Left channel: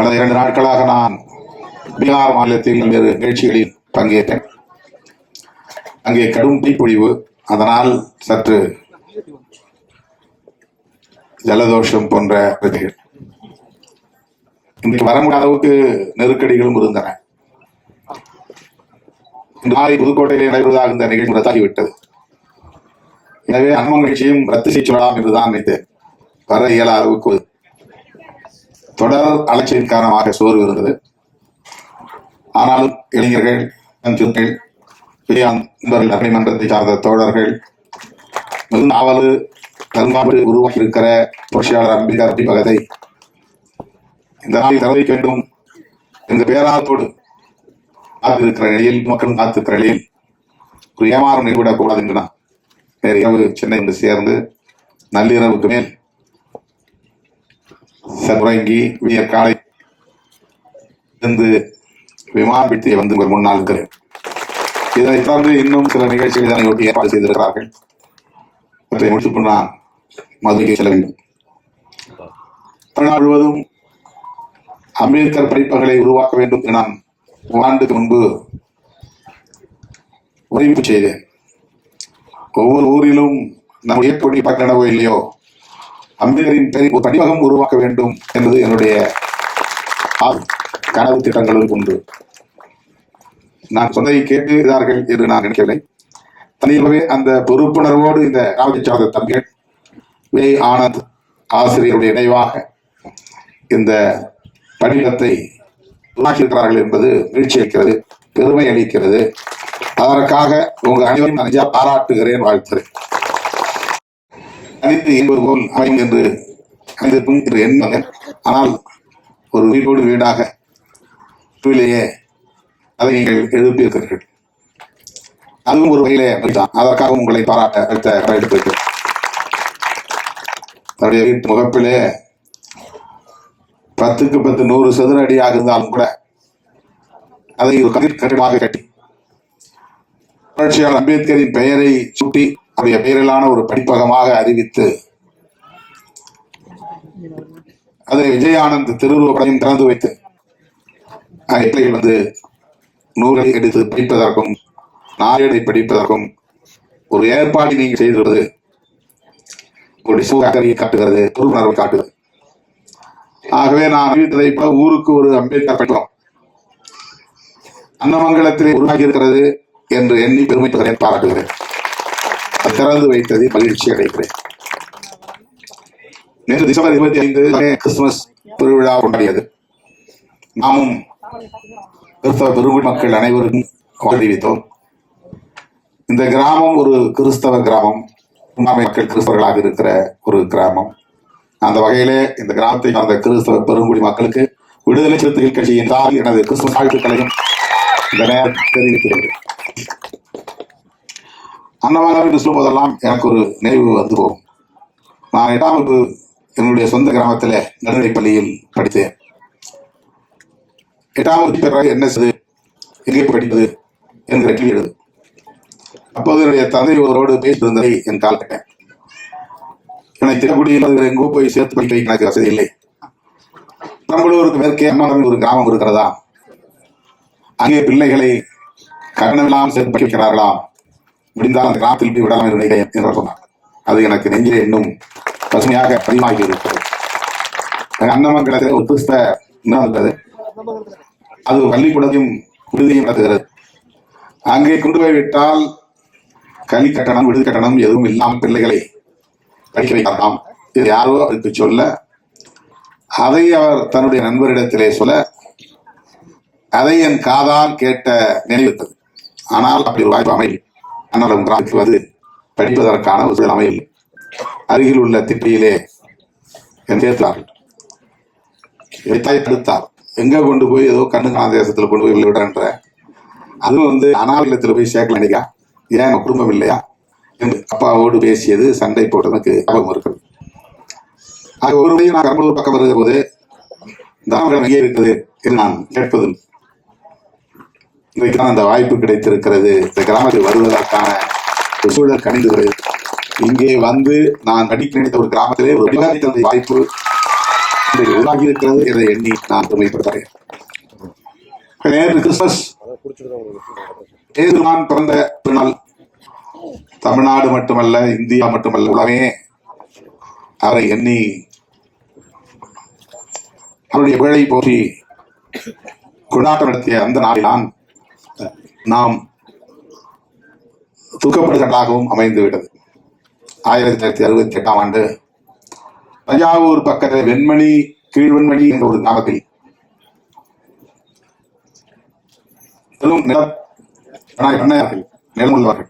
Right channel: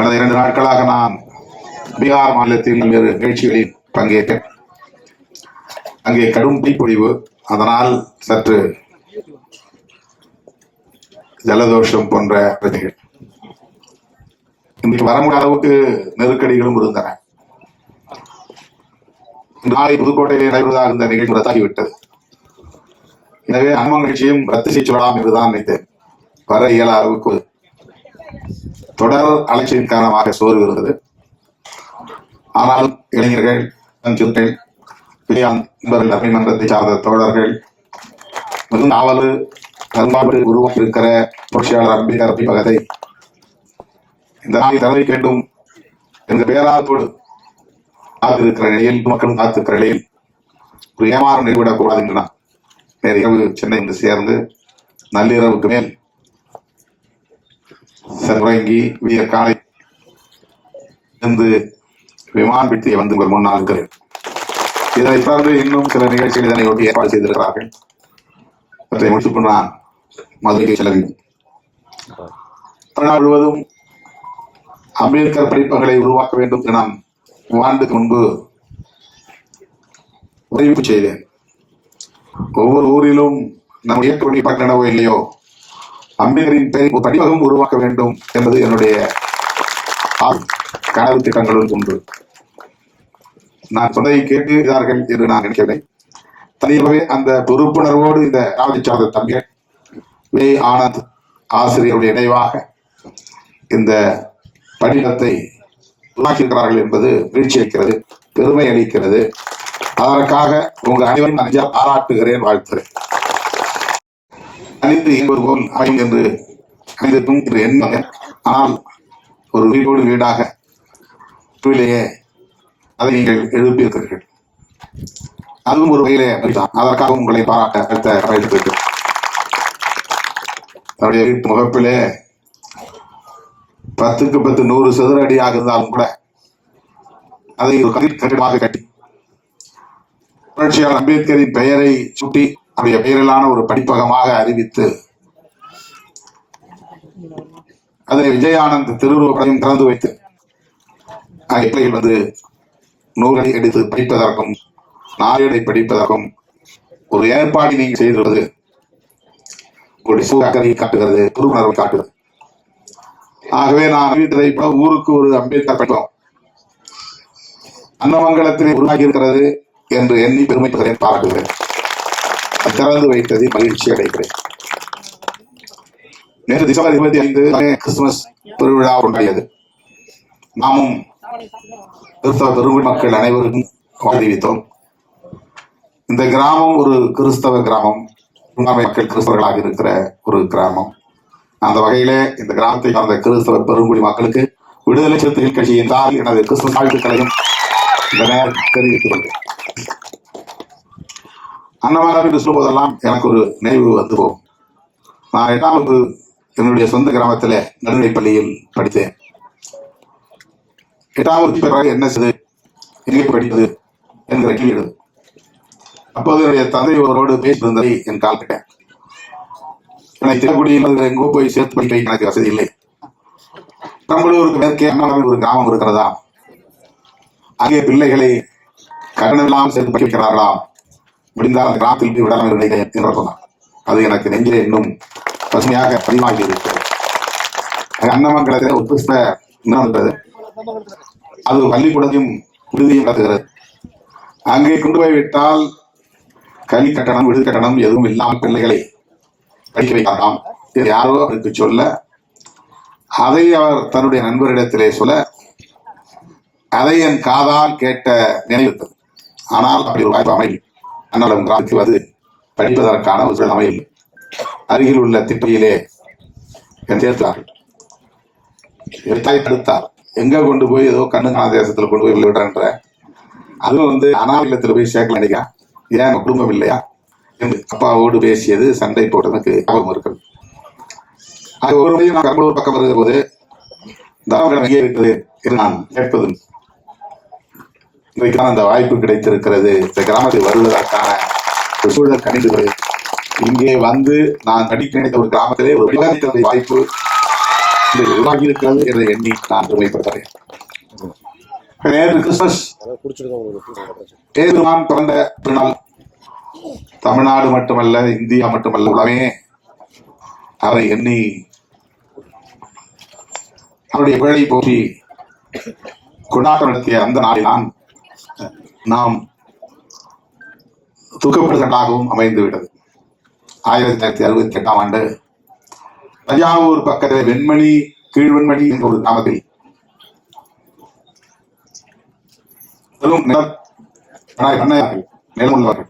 கடந்த 2 நாட்களாக நான் பீகார் மாநிலத்தில் பல்வேறு நிகழ்ச்சிகளில் பங்கேற்றேன். அங்கே கடும் தீப்பொழிவு, அதனால் சற்று ஜலதோஷம் போன்ற பிரச்சனைகள். இன்றைக்கு வர முடியாத அளவுக்கு நெருக்கடிகளும் இருந்தன. நாளை புதுக்கோட்டையில் நடைபெறுவதாக இந்த நிகழ்ச்சி ரத்தாகிவிட்டது. எனவே அம்ம நிகழ்ச்சியும் ரத்து செய்ய சொல்லலாம் என்றுதான் நினைத்தேன். வர இயலாத அளவுக்கு தொடர் அலட்சியின் காரணமாக சோர்வு இருந்தது. ஆனால் இளைஞர்கள், நன்மை மன்றத்தை சார்ந்த தோழர்கள் மிகவும் ஆவலு கருமாடு உருவாக்கி இருக்கிற புரட்சியாளர் அம்பேத்கர் பதிப்பகத்தை இந்த நாளில் தெரிவிக்க வேண்டும் என்ற பேராத்தோடு காத்திருக்கிற நிலையில், மக்களும் காத்திருக்கிற நிலையில் ஒரு ஏமாறம் நிகழ்விடக்கூடாது என்று நான் நேற்று இரவு சென்னை வந்து சேர்ந்து நள்ளிரவுக்கு மேல் உறங்கி விடியற் காலை இருந்து விமான பிடித்து வந்து உங்கள் முன்னால் இருக்கிறேன். இதனை தொடர்ந்து இன்னும் சில நிகழ்ச்சிகள் இதனை ஒட்டி ஏற்பாடு செய்திருக்கிறார்கள். அவற்றை முடித்துக் நான் மதுரைக்கு செல்ல வேண்டும். தமிழ்நாடு முழுவதும் அம்பேத்கர் படிப்பங்களை உருவாக்க வேண்டும் என நான் ஆண்டுக்கு முன்பு அறிவிப்பு செய்தேன். ஒவ்வொரு ஊரிலும் நம் ஏற்படி பக்கணவோ இல்லையோ அம்பேத்கரின் பெயரில் படிப்பகம் உருவாக்க வேண்டும் என்பது என்னுடைய கனவு திட்டங்களும் உண்டு. நான் சொன்னதை கேட்கிறார்கள் என்று நான் நினைக்கவில்லை. தனியாகவே அந்த பொறுப்புணர்வோடு இந்த ராமத்தை சார்ந்த தம்பிகள் வே ஆனந்த் ஆசிரியருடைய நினைவாக இந்த படிவத்தை உருவாக்கியிருக்கிறார்கள் என்பது மகிழ்ச்சி அளிக்கிறது, பெருமை அளிக்கிறது. அதற்காக உங்கள் அனைவரும் நன்றி பாராட்டுகிறேன், வாழ்த்துகிறேன். அனைத்து என்பது போல் அமையும் என்று அனைத்திற்கும் என்று எண்ணம். ஆனால் ஒரு வீடோடு வீடாக வீட்டிலேயே அதை நீங்கள் எழுப்பியிருக்கிறீர்கள். அதுவும் ஒரு வகையிலே அதற்காக உங்களை பாராட்ட அடுத்த எடுத்திருக்கு. தன்னுடைய வீட்டு முகப்பிலே 10க்கு 10 100 சதுர அடியாக இருந்தாலும் கூட அதை ஒரு கட்டிடமாக கட்டி புரட்சியாளர் அம்பேத்கரின் பெயரை சுட்டி அவருடைய பெயரிலான ஒரு படிப்பகமாக அறிவித்து அதனை விஜயானந்த் திருவுருவப்படையும் திறந்து வைத்து பிள்ளைகள் வந்து நூல்களை எடுத்து படிப்பதற்கும் நாளேடை படிப்பதற்கும் ஒரு ஏற்பாடு நீங்கள் செய்திருப்பது உங்களுடைய சூழலை காட்டுகிறது, பொறுப்புணர்வை காட்டுகிறது. ஆகவே நான் அறிவித்ததை போல ஊருக்கு ஒரு அம்பேத்கர் படிப்போம் அன்னமங்கலத்திலே உருவாகி இருக்கிறது என்று எண்ணி பெருமைப்படுகிறேன், பாராட்டுகிறேன். திறந்து வைத்ததை மகிழ்ச்சி அடைகிறேன். நேற்று டிசம்பர் 25 கிறிஸ்துமஸ் பெருவிழா கொண்டாடியது. நாமும் கிறிஸ்தவ பெருங்குடி மக்கள் அனைவருக்கும் அறிவித்தோம். இந்த கிராமம் ஒரு கிறிஸ்தவ கிராமம், மக்கள் கிறிஸ்தவர்களாக இருக்கிற ஒரு கிராமம். அந்த வகையிலே இந்த கிராமத்தை சார்ந்த கிறிஸ்தவ பெருங்குடி மக்களுக்கு விடுதலை சிறுத்தைகள் கட்சியின் சார்பில் எனது கிறிஸ்துவ வாழ்த்துக்களையும் இந்த நேரத்தில் தெரிவித்துக் கொள்கிறேன். அன்னமாக என்று சொல்வதெல்லாம் எனக்கு ஒரு நினைவு வந்து போகும். நான் 8ஆம் வகுப்பு என்னுடைய சொந்த கிராமத்தில் நடுநிலைப் பள்ளியில் படித்தேன். 8ஆம் வகுப்பு பிறகு என்ன செய்து எங்கே படிப்பது என்கிற கேள்வி எழுது. அப்போது என்னுடைய தந்தை ஒருவரோடு பேசியிருந்ததை என் கால் கேட்டேன். எனக்கு தினக்குடியில் எங்கோ போய் சேர்த்து படிக்க எனக்கு வசதி இல்லை. பெரம்பலூருக்கு மேற்கே அம்மாவில் ஒரு கிராமம் இருக்கிறதா, அங்கே பிள்ளைகளை கட்டணமில்லாமல் சேர்த்து படிக்க வைக்கிறார்களாம், முடிந்தால் அந்த கிராமத்தில் போய் விடலாம் என்று சொன்னார். அது எனக்கு நெஞ்சிலே இன்னும் பசுமையாக பதிவாகி இருக்கிறது. அன்னமங்கலத்தில் ஒரு கிறிஸ்தவ இருந்தது. அது பள்ளிக்கூடத்தையும் விடுதியும் நடத்துகிறது. அங்கே கொண்டு போய் விட்டால் கல்வி கட்டணம் விடுதி கட்டணம் எதுவும் இல்லாமல் பிள்ளைகளை படிக்க வைக்கலாம் இது யாரோ அவருக்கு சொல்ல, அதை அவர் தன்னுடைய நண்பரிடத்திலே சொல்ல, அதை என் காதால் கேட்ட நினைவிட்டது. ஆனால் அப்படி ஒரு வாய்ப்பு அமையும். அண்ணலம் கிராமத்துக்கு வந்து படிப்பதற்கான ஒரு சூழல் அமையும். அருகில் உள்ள திட்டியிலே என் சேர்த்தார்கள். தடுத்தார். எங்க கொண்டு போய் ஏதோ கண்ணுங்கான தேசத்தில் கொண்டு போய் விடுறன்ற, அதுவும் வந்து அனாலயத்தில் போய் சேர்க்கல நினைக்கா, ஏன் குடும்பம் இல்லையா என்று அப்பாவோடு பேசியது, சண்டை போட்டதுக்கு ஞாபகம் இருக்கிறது. ஒரு முறையும் நான் பெரம்பலூர் பக்கம் வருகிற போது தாமரம் எங்கே இருக்கிறது என்று நான் கேட்பது. இன்றைக்கு அந்த வாய்ப்பு கிடைத்திருக்கிறது. இந்த கிராமத்தில் வருவதற்கான ஒரு சூழல் கணிந்து இங்கே வந்து நான் படிக்க நினைத்த ஒரு கிராமத்திலே ஒரு வாய்ப்பு உருவாகி இருக்கிறது என்று எண்ணி நான் பெருமைப்படுகிறேன். நேற்று கிறிஸ்துமஸ் ஏதுவான் பிறந்த திருநாள். தமிழ்நாடு மட்டுமல்ல, இந்தியா மட்டுமல்ல, உலகமே அவரை எண்ணி அவருடைய புகழை போற்றி கொண்டாட்டம் நடத்திய அந்த நாளில்தான் நாம் துக்கப்படுகின்றாகவும் அமைந்துவிட்டது. 1968ஆம் ஆண்டு தஞ்சாவூர் பக்கத்தில் வெண்மணி கீழ்வெண்மணி என்ற ஒரு கிராமத்தில் நிலமுள்ளவர்கள்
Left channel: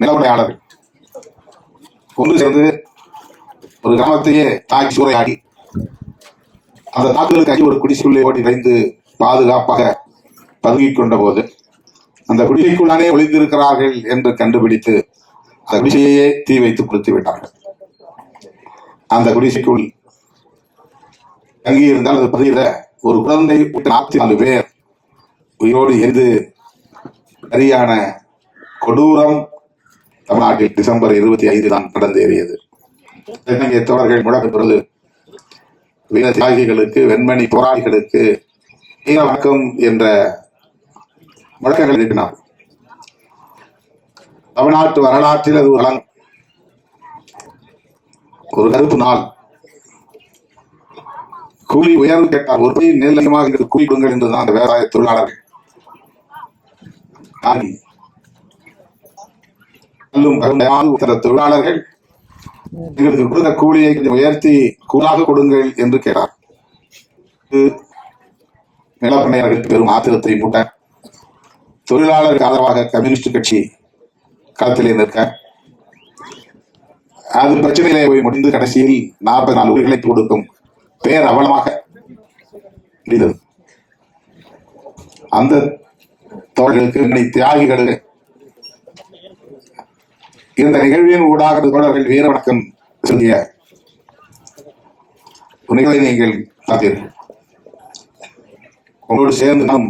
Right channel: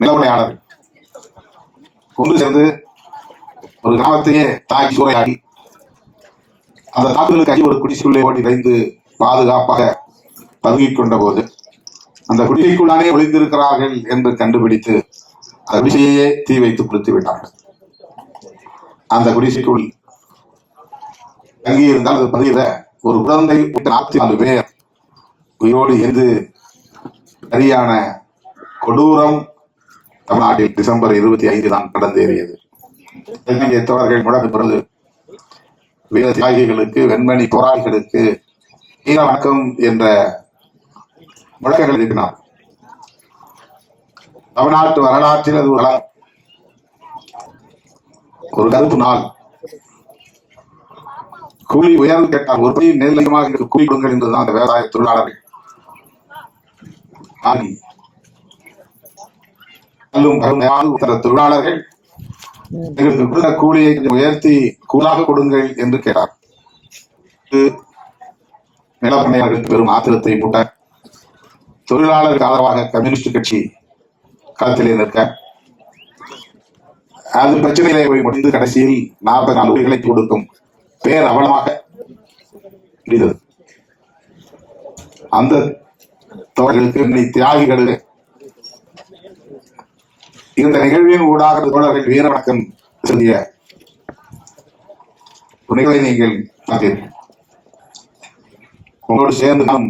நிலவுடையாளர்கள் ஒன்று சேர்ந்து ஒரு கிராமத்தையே தாக்கி சூறையாடி அந்த தாக்குதலுக்கு அடி ஒரு குடிசைக்குள்ளே ஓட்டி வைத்து பாதுகாப்பாக பதுங்கிக் கொண்ட போது அந்த குடிசைக்குள்ளானே ஒளிந்திருக்கிறார்கள் என்று கண்டுபிடித்து அந்த குடிசையே தீ வைத்து கொடுத்து விட்டார்கள். அந்த குடிசைக்குள் தங்கியிருந்தால் அது பதிகிற ஒரு குழந்தை 44 பேர் உயிரோடு எரிந்து சரியான கொடூரம் தமிழ்நாட்டில் டிசம்பர் 25 தான் நடந்தேறியது. தோழர்கள் முழக்க பிறகு வீர தியாகிகளுக்கு, வெண்மணி போராளிகளுக்கு வீர வணக்கம் என்ற முழக்கங்கள் எழுப்பினார். தமிழ்நாட்டு வரலாற்றில் அது ஒரு கருப்பு நாள். கூலி உயர்வு கேட்டால் ஒரு படி நெல்லையமாக கூலி கொடுங்கள் என்றுதான் அந்த விவசாய தொழிலாளர்கள் தொழிலாளர்கள் எங்களுக்கு கொடுத்த கூலியை உயர்த்தி கூலாக கொடுங்கள் என்று கேட்டார். நிலப்பண்ணையாளர்களுக்கு பெரும் ஆத்திரத்தை மூட்ட தொழிலாளருக்கு ஆதரவாக கம்யூனிஸ்ட் கட்சி களத்திலே நிற்க அது பிரச்சனையிலே போய் முடிந்து கடைசியில் 44 உயிர்களை கொடுக்கும் பேர் அவலமாக முடிந்தது. அந்த தோழர்களுக்கு தியாகிகளுக்கு இந்த நிகழ்வின் ஊடாக தோழர்கள் வீர வணக்கம் செலுத்திய நிகழ்வை நீங்கள் பார்த்தீர்கள். உங்களோடு சேர்ந்து நான்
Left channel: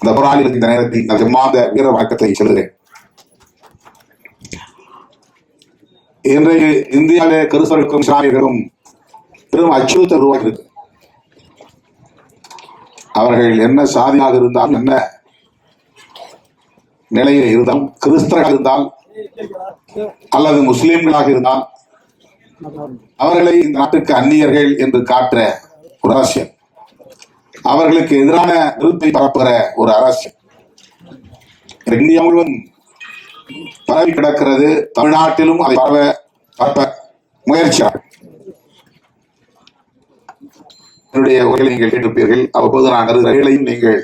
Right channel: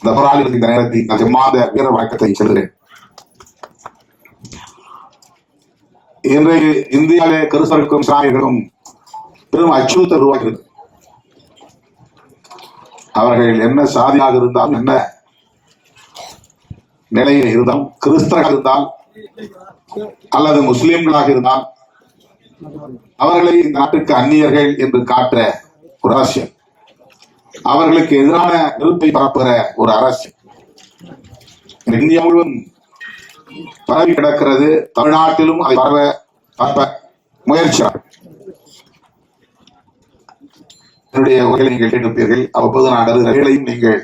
இந்த போராளிகளுக்கு இந்த நேரத்தில் நான் ஜம்மாத வீர வணக்கத்தை செலுத்துகிறேன். இன்றைய இந்தியாவிலே கிறிஸ்தவர்களுக்கும் இஸ்லாமியர்களுக்கும் பெரும் அச்சுறுத்தல் உருவாகிறது. அவர்கள் என்ன சாதியாக இருந்தாலும், என்ன நிலையில் இருந்தால், கிறிஸ்தவர்கள் இருந்தால் அல்லது முஸ்லிம்களாக இருந்தால் அவர்களை இந்த நாட்டுக்கு அந்நியர்கள் என்று காட்டுற ஒரு அரசியல், அவர்களுக்கு எதிரான நிறுத்தை பரப்புகிற ஒரு அரசியல் இந்தியா முழுவதும் பரவி கிடக்கிறது. தமிழ்நாட்டிலும் அதை பரப்ப முயற்சியார்கள். என்னுடைய உரைகளை நீங்கள் கேட்டிருப்பீர்கள். அவ்வப்போது நான் கருதுகளையும் நீங்கள்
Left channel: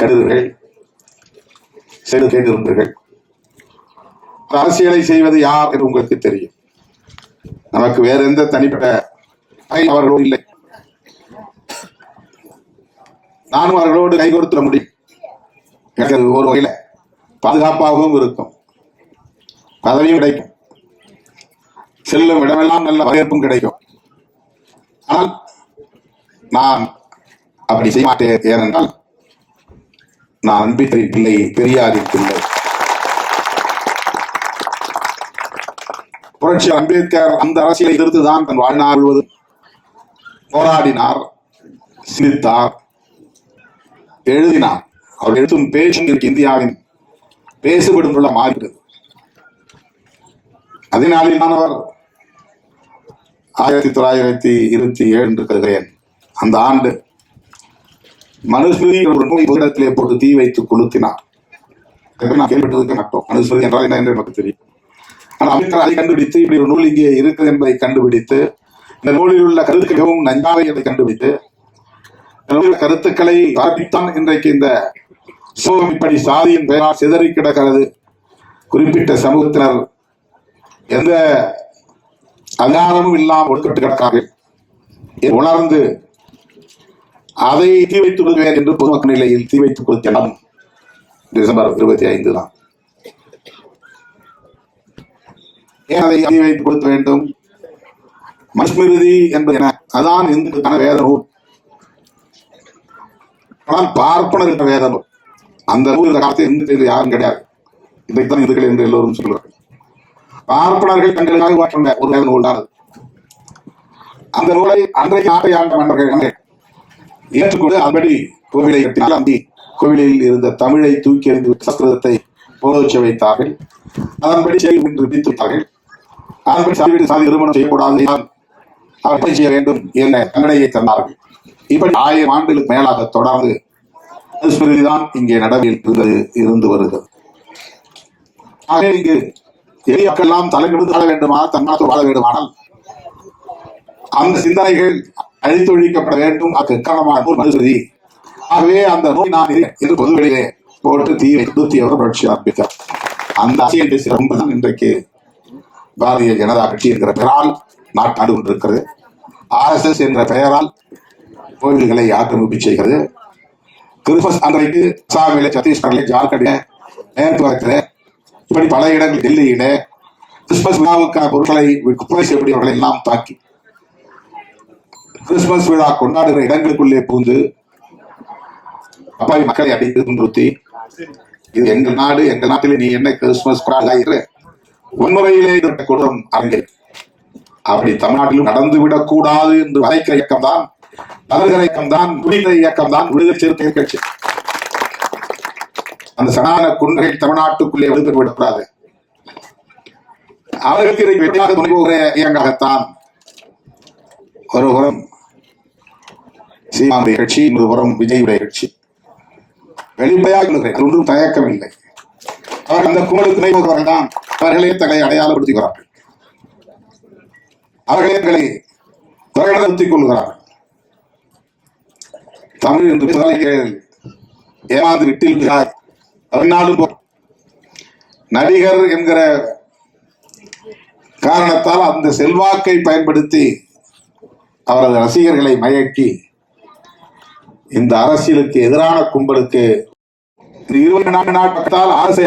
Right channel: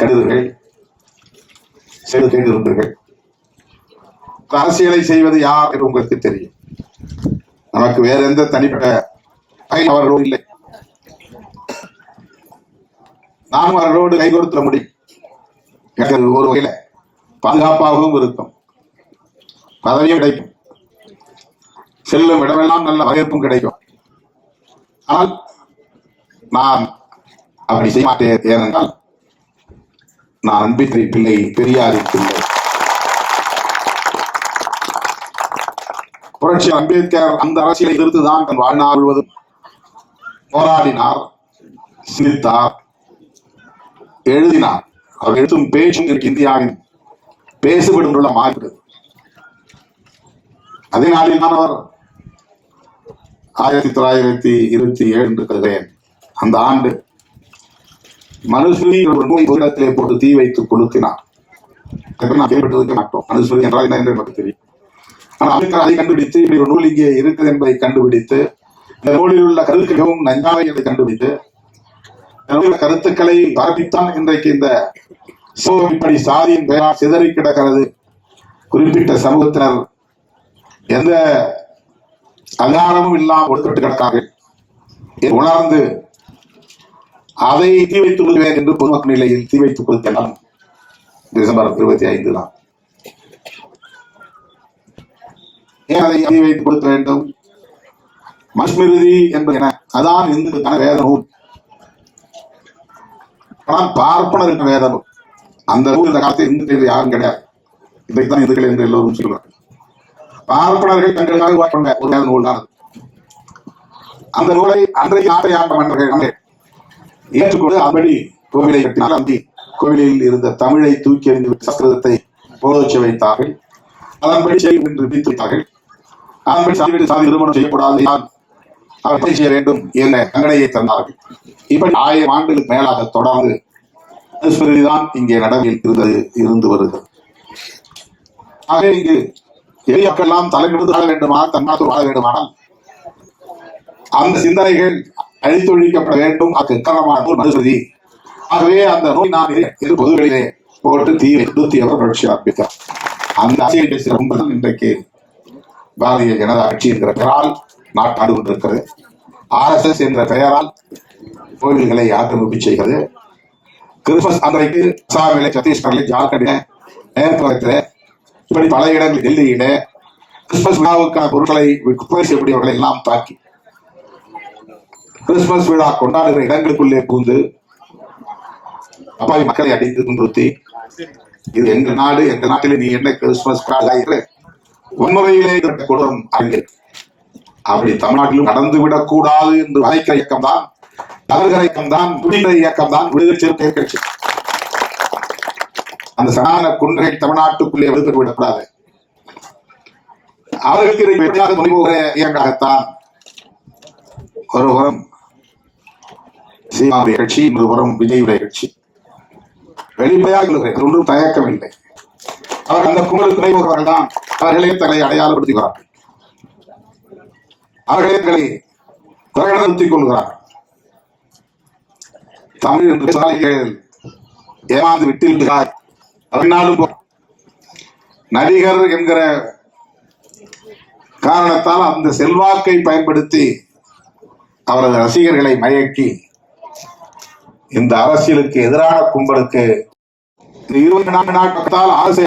கருதுகள் செய்து கேட்டிருப்பீர்கள். அரசியலை செய்வது யார் என்று உங்களுக்கு தெரியும். நமக்கு வேற எந்த தனிப்பட்ட அவர்களோடு இல்லை. நானும் அவர்களோடு கை கொடுத்துட முடியும். எனக்கு ஒரு வகையில பாதுகாப்பாகவும் இருக்கும், பதவியும் கிடைக்கும், செல்லும் இடமெல்லாம் நல்ல வரவேற்பும் கிடைக்கும். ஆனால் நான் அப்படி செய்ய மாட்டேன். ஏனென்றால் நான் அம்பிகை பிள்ளை, பெரியாரின் பிள்ளை. புரட்சி அம்பேத்கர் அந்த அரசியலை எதிர்த்துதான் தன் வாழ்நாள் முழுவதும் போராடினார், சிந்தித்தார், எழுதினார். அவர் எழுத்தும் பேச்சும் இந்தியாவின் பேசுபடுள்ள மாறிவிட்டது. அதனாலில் நான் அவர் 1927 என்று கருதுகிறேன். அந்த ஆண்டு மனுஸ்மிருதி ஒரு நூலை புத்தகத்திலே போட்டு தீ வைத்து கொளுத்தினார். நான் கேள்விப்பட்டிருக்க மாட்டோம். மனுஸ்மிருதி என்றால் என்ன என்று எனக்கு தெரியும். ஆனால் அம்பேத்கர் அதை கண்டுபிடித்து இப்படி ஒரு நூல் இங்கே இருக்குது என்பதை கண்டுபிடித்து, இந்த நூலில் உள்ள கருத்துக்களும் நஞ்சாவை என்பதை கண்டுபிடித்து, கருத்துக்களை பரப்பித்தான் இன்றைக்கு இந்த சமூகம் இப்படி சாதியின் பெயரால் சிதறி கிடக்கிறது. குறிப்பிட்ட சமூகத்தினர் எந்த அதிகாரமும் இல்லாமல் ஒடுக்கப்பட்டு கிடக்கிறார்கள். உணர்ந்து அதை தீ வைத்துக் கொள்வேன் என்று பொதுமக்கள் நிலையில் தீ வைத்துக் கொடுக்கலாம். டிசம்பர் 25 தான். ஏன் அதை தீ வைத்துக் கொடுக்க வேண்டும்? மனுஸ்மிருதி என்பது என அதான் இந்துக்கான வேத நூல். ஆனால் பார்ப்பனர் வேத நூல். அந்த நூல் இந்த காலத்தில் இந்து யாரும் கிடையாது. இன்றைக்குதான் இந்துக்கள் என்று எல்லோரும் சொல்கிறார்கள். பார்ப்பனர்கள் தங்களுக்காக சொன்ன ஒரு வேத நூல் தான். அந்த நூலை அன்றைய நாட்டை ஆண்ட மன்னர்கள் ஏற்றுக்கொண்டு அதன்படி கோவிலை கட்டினால் அந்த கோவிலில் இருந்த தமிழை தூக்கி எறிந்து சஸ்கிருதத்தை போதச்சு வைத்தார்கள். அதன்படி செய்யும் என்று விதித்து வைத்தார்கள். அதன்படி சாதி சாதி நிறுவனம் செய்யக்கூடாது, அவற்றை செய்ய வேண்டும் என்ற தண்டனையை தந்தார்கள். இப்படி 1000 ஆண்டுகளுக்கு மேலாக தொடர்ந்து தான் இங்கே நடைமுறையில் இருந்து வருகிறது. ஆகவே இங்கு எளிய மக்கள் எல்லாம் தலைநிமிர்ந்து வாழ வேண்டுமானால் தன்னாட்டு வாழ வேண்டுமானால் அந்த சிந்தனைகள் அழித்தொழிக்கப்பட வேண்டும். அதுக்கு காரணமான நூல் மனுஸ்மிருதி. ஆகவே அந்த நூல் நான் என்று பொதுவெளியிலே போட்டு தீ வைத்து அவர் புரட்சி ஆரம்பித்தார். அந்த அரசியல் சிறப்புதான் இன்றைக்கு பாரதிய ஜனதா கட்சி என்கிற பெயரால் நாட்டாண்டு கொண்டிருக்கிறது. RSS என்ற பெயரால் கோவில்களை ஆக்கிரமிப்பு செய்கிறது. கிறிஸ்துமஸ் அன்றைக்கு அசாமிலே, சத்தீஸ்கரிலே, ஜார்க்கண்டில, நேபாளத்தில், இப்படி பல இடங்கள், டெல்லியில கிறிஸ்துமஸ் விழாவுக்கான பொருட்களை விற்பனை செய்யக்கூடியவர்களை எல்லாம் தாக்கி கிறிஸ்துமஸ் விழா கொண்டாடுகிற இடங்களுக்குள்ளே புகுந்து அப்பாவி மக்களை அடித்து துன்புறுத்தி, இது எங்க நாடு, எங்க நாட்டிலே நீ என்ன கிறிஸ்துமஸ் கொண்டாடுகிறாய் வன்முறையிலே கொடூரம் அரங்கில் அப்படி தமிழ்நாட்டிலும் நடந்துவிடக் கூடாது என்று வளைக்கிற இயக்கம் தான், தவறுகிற இயக்கம் தான், துணிகிற இயக்கம் தான் விடுதலை சிறுத்தை கட்சி. அந்த சனாதன குன்றைகள் தமிழ்நாட்டுக்குள்ளே விடுதலை விடக்கூடாது. அவர்களுக்கு இதை வெற்றியாக துணிபோகிற இயங்காகத்தான் ஒருபுறம் சீமானுடைய கட்சி, இன்னொருபுறம் விஜயுடைய கட்சி வெளிப்படையாக ஒன்றும் தயக்கம் இல்லை. அவர்கள் அந்த குமலுக்கு துணைபோகிறவர்கள் தான் அவர்களே தங்களை அடையாளப்படுத்திக்கிறார்கள். அவர்களே தங்களை பிரகடனப்படுத்திக் கொள்கிறார்கள். தமிழ் என்று சாலைகள் ஏமாந்து விட்டில் அவனாலும் நடிகர் என்கிற காரணத்தால் அந்த செல்வாக்கை பயன்படுத்தி அவரது ரசிகர்களை மயக்கி இந்த அரசியலுக்கு எதிரான கும்பலுக்கு 24 நாட்கத்தால் அரசை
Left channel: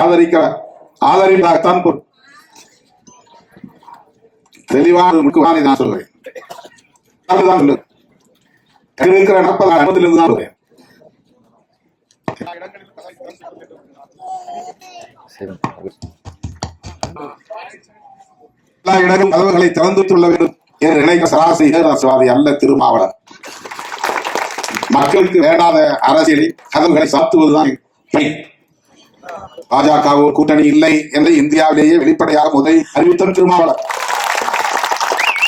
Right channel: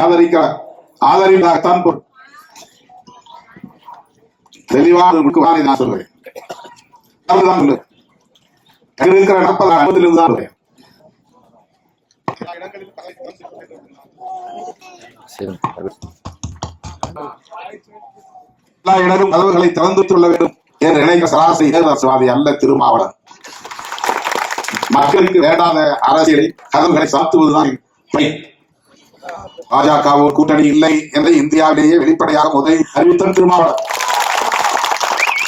ஆதரிப்பதாகத்தான் தெளிவான நான் சொல்றேன். இருக்கிற 40 அனுமதியிலிருந்து தான் சொல்றேன். எல்லா இடங்களும் கதவுகளை திறந்து வைத்துள்ள வேண்டும் என்று நினைக்கிற சராசரி ஏகராசவாதி அல்ல திருமாவளவன். மக்களுக்கு வேண்டாத அரசியலை கதவுகளை சாத்துவதுதான் பணி. பாஜகவும் கூட்டணி இல்லை என்று இந்தியாவிலேயே வெளிப்படையாக முதலில் அறிவித்த திருமாவளவன்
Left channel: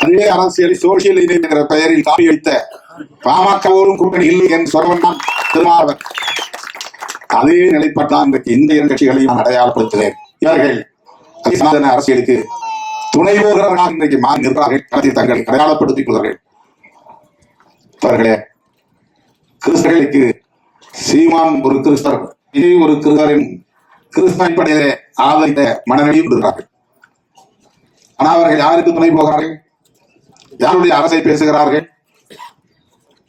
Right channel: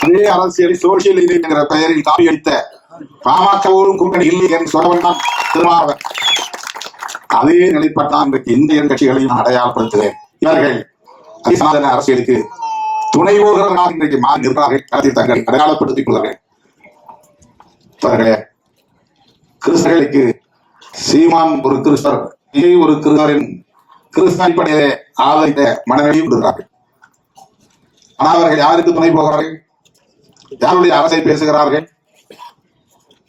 அதே அரசியலை சோசியல் என்கிற பெயரில் காப்பி அளித்த பாமகவும் கூட்டணி இல்லை என்று சொன்னவன் தான் திருமாவளவன். அதே நிலைப்பாட்டான் இன்றைக்கு இந்திய கட்சிகளையும் நான் அடையாளப்படுத்துகிறேன். இவர்கள் சனாதன அரசியலுக்கு துணை போகிறவர்களாக இன்றைக்கு மாறி இருக்கிறார்கள். அரசியல் தங்களை அடையாளப்படுத்திக் கொள்வார்கள். கிறிஸ்தவர்களுக்கு சீமான் ஒரு கிறிஸ்தவர், ஒரு கிறிஸ்தவரின் கிறிஸ்தவ அடிப்படையிலே ஆதரித்த மனநிலையும் கொண்டிருக்கிறார்கள். ஆனால் அவர்கள் யாருக்கு துணை போகிறார்கள்? யாருடைய அரசை பேசுகிறார்கள்?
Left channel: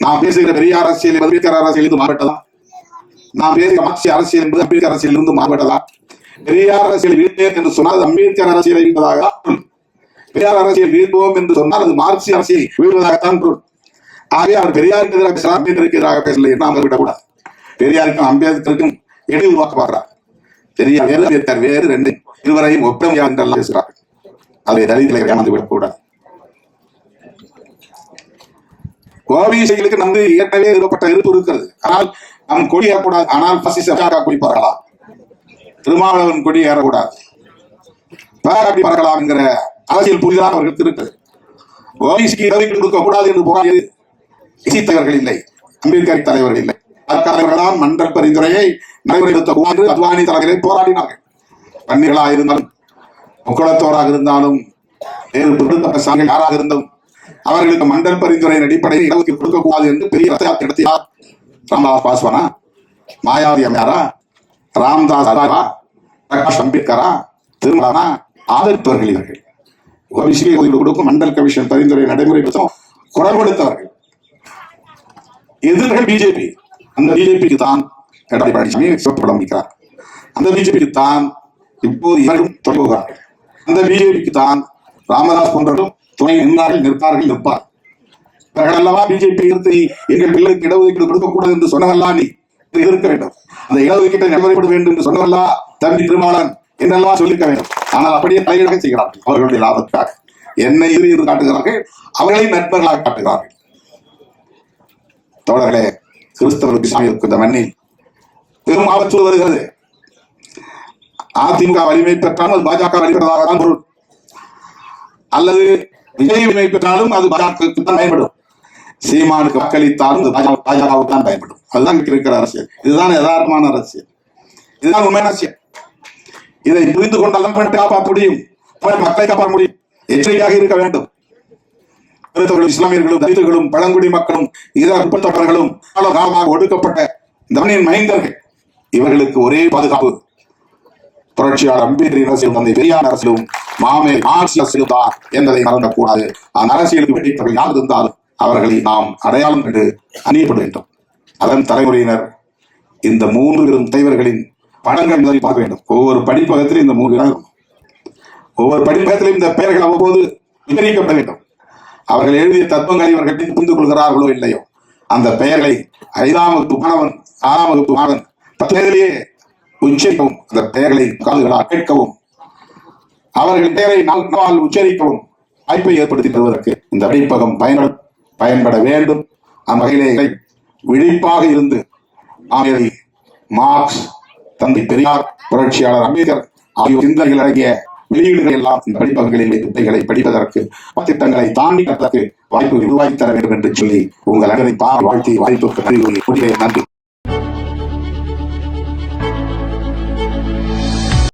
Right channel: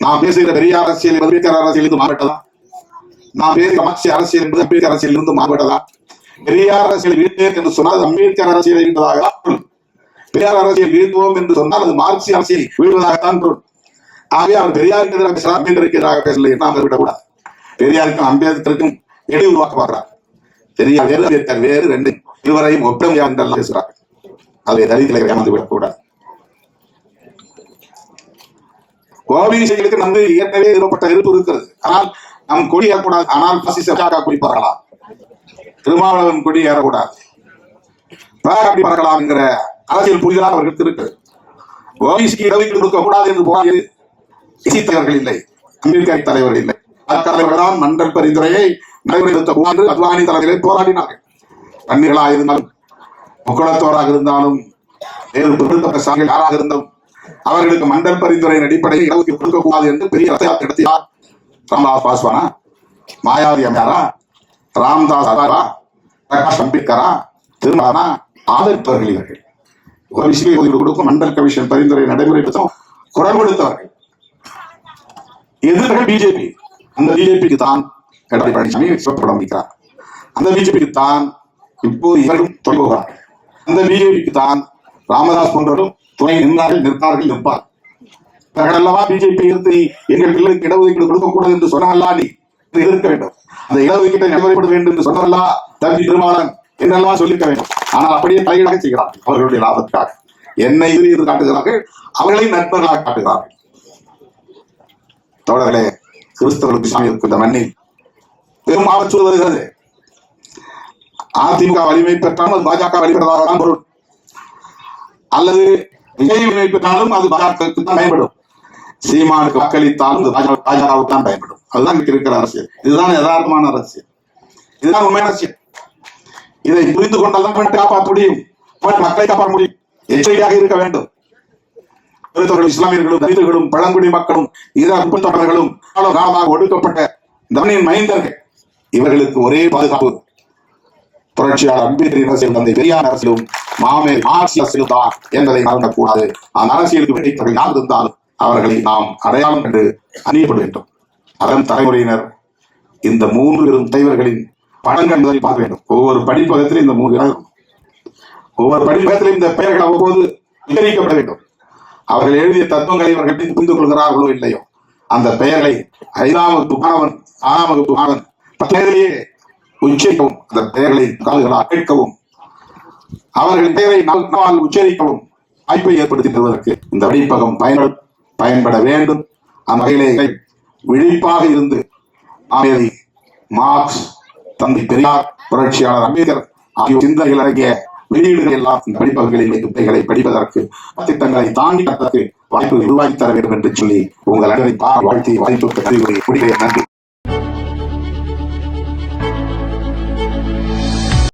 நாம் பேசுகிற பெரிய அரசியல் அம்பேத்கர் அரசியலிருந்து மாறுபட்டதா? நாம் பேசுகிற மார்க்சிய அரசியல் என்பது அம்பேத்கர் அரசியலிருந்து மாறுபட்டதா? பெரியார் அரசியல் வீழ்த்தேன் என்று சொன்னால் அம்பேத்கர் அரசியலை வீழ்வதாக, பெரியார் அரசியல் வீழ்வோம் என்று சொன்னால் அது மார்க்சிய அரசியல் வீழ்வதாகத்தான் பொருள். ஆகவே அவர் பெரியாருக்கு எதிராக பேசலாம், அம்பேத்கருக்கு எதிராக பேசல நாம் விடக்கூடாது. பெரியாருக்கும் அம்பேத்கருக்கும் இடையே உருவாக்க பார்க்கிறார். பெரியார் வேறு, அம்பேத்கர் வேறு, ரெண்டு இருவரையும் ஒப்பமையா என்றெல்லாம் பேசுகிறார்கள். அதை தலித்திலே ஏமாந்து விடக்கூடாது. ஓபிசிகளுக்கு நம்பி ஏற்கனவே நிறுவப்பட்ட இருப்பு இருக்கிறது. ஆனால் நம் கொடி ஏறக்கூடாது. ஆனால் பாசிச குறிப்பார்களா? திருமாவளவன் கொடி ஏறக்கூடாது, அப்படி பறக்கலாம் என்கிற அரசியல் புரிதலாக அவர்களுக்கு இருக்குது. ஓபிசிக்கு இடஒதுக்கீடு கொடுக்கக்கூடாது என்று போராடியது தலைவர்கள் இல்லை, அம்பேத்கர் தலைவர்கள் இல்லை. தலைவர்களால் மண்டல் பரிந்துரையை நடைமுறைப்படுத்த அத்வானி தலைவர்களை போராடினார்கள். பன்னிகளாக இருந்தாலும், முக்குளத்தோராக இருந்தாலும், யாராக இருந்தும் அவர்களுக்கு மண்டல் பரிந்துரையின் அடிப்படையில் இடஒதுக்கீடு கொடுக்கக்கூடாது என்று பெரிய ரசயாத்திரை நடத்தினார். ராம்தாஸ் பாஸ்வானா, மாயாவதி அம்மையாரா, ராம்தாஸ் அதாரா, பிரகாஷ் அம்பேத்கரா, திருமலானா ஆதரித்தவர்கள் இவர்கள். ஓபிசிக்கு ஒதுக்கீடு கொடுக்கும் மண்டல் கமிஷன் பரிந்துரை நடைமுறைப்படுத்தும் குரல் கொடுத்தவர்கள். எதிர்கள் பிஜேபி. அந்த பிஜேபிக்கு தான் எடப்பாடி பழனிசாமி சிவப்படம் வைக்கிறார். அந்த பிஜேபிக்கு தான் இப்போது இவர்களும் தொடங்குகிறார்கள். அந்த பிஜேபிக்கு தான் ராமதாஸ் போன்றவர்களும் துணை நிற்பார்கள். இவர்கள் அல்லவா பிஜேபி எடுத்து எங்கள் பிள்ளைக்கு இடஒதுக்கீடு கொடுக்கக்கூடாது என்று சொன்னவல்லா நீ எதிர்க்க வேண்டும். அந்த இடஒதுக்கீட்டை நடைமுறைப்பட வேண்டும் என்று சொன்னவல்லா தம்பி திருமாவளவன் என்றெல்லாம் சொல்லியிருக்க வேண்டும். ஆனால் அப்படியே தலையீடாக செய்கிறார்கள் அவர்களுடைய லாபத்துக்காக. என்னை எதிரி காட்டுகிறார்கள், அவர்களை நண்பர்களாக காட்டுகிறார்கள். தோழர்களே, கிறிஸ்தவர்களுக்கு இஸ்லாமிய இந்த மண்ணில் பெரும் ஆபத்து வருகிறது. அதிமுக வலிமை பெற்றாலும் பாஜக வலிமைப்பதாக தான் பொருள், அல்லது விஜய் வலிமை பெற்றாலும் அது பாஜகவுக்கு தான் பயன்படும், சீமானுக்கு வாக்களித்தாலும் பாஜகவுக்கு தான் பயன்படும். அதுதான் இருக்கிற அரசியல். இதுதான் யதார்த்தமான அரசியல், இதுதான் உண்மையான அரசியல். இதை புரிந்து கொண்டால் காப்பாற்ற முடியும், மக்களை காப்பாற்ற முடியும். எச்சரிக்கையாக இருக்க வேண்டும். கிறிஸ்தவர்களும் இஸ்லாமியர்களும் தலித்துகளும் பழங்குடி மக்களும் இதர முற்பட்டவர்களும் காலமாக ஒடுக்கப்பட்ட இந்த மண்ணின் மைந்தர்கள், இவர்களுக்கு ஒரே பாதுகாப்பு புரட்சியாளர் அம்பேத்கர் அரசியலும் தந்தை பெரியார் அரசியலும் மாமே மார்க்சிய அரசியலும் தான் என்பதை மறந்துவிடக்கூடாது. அந்த அரசியலுக்கு வெற்றிப்பவர்கள் யார் இருந்தாலும் அவர்களை நாம் அடையாளம் கண்டு அணியப்பட வேண்டும். அதன் தலைமுறையினர் இந்த 3 பெரும் தலைவர்களின் படங்கள் முதலில் பார்க்க வேண்டும். ஒவ்வொரு படிப்பகத்திலும் இந்த 3 பேர், ஒவ்வொரு படிப்பகத்திலும் இந்த பெயர்கள் அவ்வப்போது விவரிக்கப்பட வேண்டும். அவர்கள் எழுதிய தத்துவங்களை இவர்கள் புரிந்து கொள்கிறார்களோ இல்லையோ, அந்த பெயர்களை 5ஆம் வகுப்பு மாணவன் 6ஆம் வகுப்பு மாணவன் 10 வயதிலேயே உச்சரிக்கவும், அந்த பெயர்களை காதுகளால் கேட்கவும், அவர்களின் பெயரை நாள் உச்சரிக்கவும் வாய்ப்பை ஏற்படுத்தி தருவதற்கு இந்த படிப்பகம் பயன்பட வேண்டும். அந்த வகையிலே விழிப்பாக இருந்து ஆமேதி மார்க்ஸ், தந்தை பெரியார், புரட்சியாளர் அம்பேத்கர் ஆகியோர் சிந்தனைகள் அடங்கிய வெளியீடுகள் எல்லாம் இந்த படிப்பகங்களில் துறைகளை படிப்பதற்கு திட்டங்களை தாண்டி வாய்ப்பு உருவாக்கி தர வேண்டும் என்று சொல்லி உங்கள் அனைவரை வாழ்த்தி வாய்ப்புக்கு நன்றி. நன்றி.